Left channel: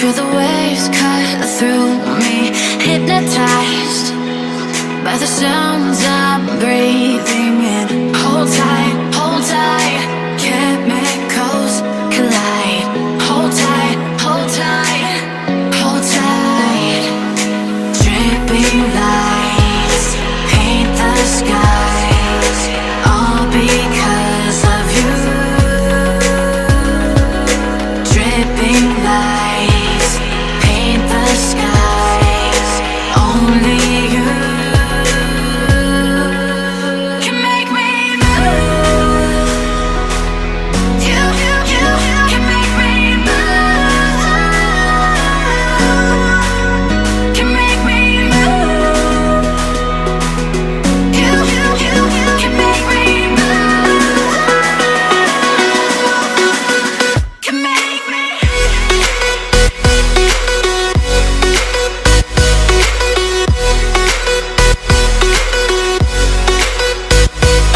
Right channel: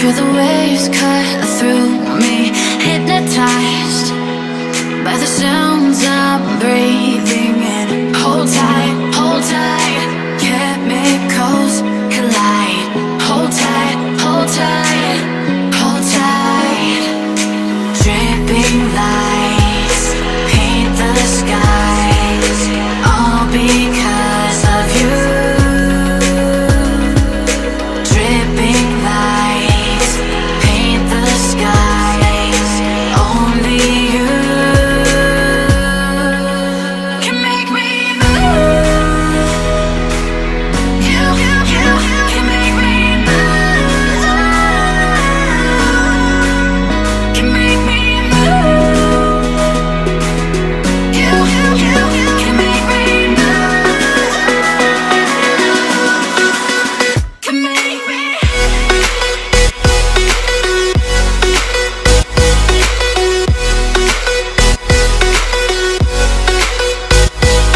Feel the waves cut through me, hypnotized by the sounds I'm breathing in. Hold tight, hold tight.